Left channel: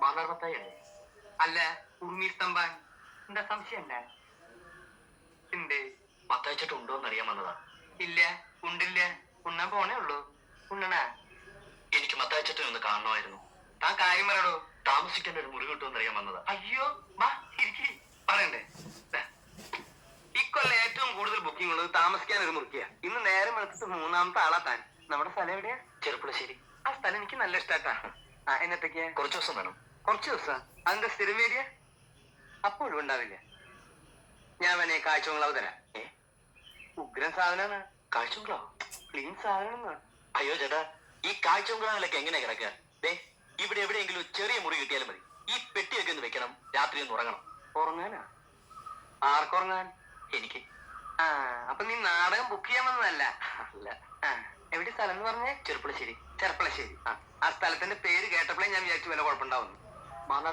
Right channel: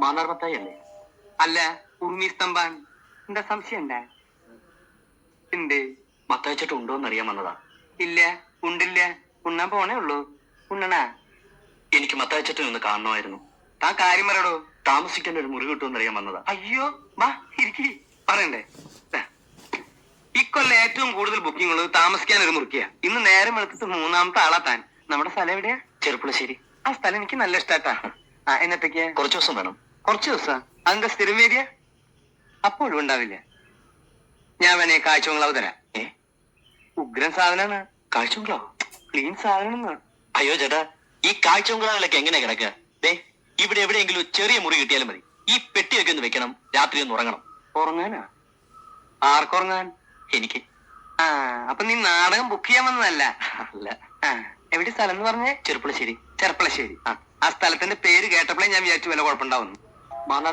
മാന്നാർ മത്തായി അല്ലേ? അല്ല, ഉറുമി സ്തംഭാൻ. എന്താ സംശയം ഉണ്ടാ? ഉണ്ട്. മത്തായിച്ചേട്ടൻ ഉണ്ടോന്ന് അറിയാൻ വന്നതാ. ഇല്ല, ഉണ്ടില്ല. ഉണ്ണാൻ പോണേ ഉള്ളൂ. ഉണ്ണണാ? എനിക്ക് മത്തായിച്ചേട്ടൻ ഒന്ന് കാണണമായിരുന്നു. താൻ കാര്യം പറയടോ. താമസിക്കാൻ ഒരു മുറി കിട്ടുമെന്ന് അറിയാൻ വന്നതാ. അയ്യോ, വാ ഇരിക്കി. പറയണ്ടേ? ഇക്കൊല്ലം ഏറ്റവും കൂടുതൽ ബുക്കിംഗ് ഉള്ളത് താമസിക്കാൻ ഒരു മുറിക്കുക. ഇന്ന് നേരം വെളുത്തിട്ട് മൂന്നാമത്തെ ആളാ താൻ. നമ്മുടെ സ്ഥലം എവിടെയാ? ചെറുപ്പുളശ്ശേരി. ആ സ്ഥലം എനിക്ക് നല്ല ഇഷ്ടാട്ടാ. എന്നത്തേക്ക്? കുറച്ചു ദിവസം വേണം. കുറച്ചു ദിവസം? അതിന്റെ സ്ഥിരം വേദിയ? അപ്പോഴും ഉണ്ടാവില്ല. ഞാൻ വേണേ കാഴ്ചകളാവ് തരാം. ഉഗ്രൻ സാധനാണ്. കാഴ്ചകളോ? ക്ലീൻ സാധനം. അയ്യോ ചേട്ടാ, ഈ കാഴ്ചകളൊക്കെ എങ്ങനെ കിടക്കുക? ഇവിടെ എവിടെയെങ്കിലും ചെറിയ മുറി കിട്ടിയാലും മതി. ഈ പെട്ടിയൊക്കെ ഒന്ന് വെക്കണം, രാത്രി ഒന്ന് ഉറങ്ങണം. ഉറങ്ങാനാ? ആർക്കുറങ്ങാൻ? എനിക്ക്. അപ്പൊ നീ നാടകം ബുക്ക് ചെയ്യാൻ വന്നതല്ല? അല്ല. എവിടെ സ്ഥലം എന്ന് പറഞ്ഞേ? ചെറുപ്പുളശ്ശേരി. ചെറുപ്പളശ്ശേരി. ആ സ്ഥലത്തിന്റെ പേര് കേട്ടപ്പോഴേ ഞാൻ വിചാരിച്ചു വല്ല കുഴപ്പമുണ്ടാവുന്നു.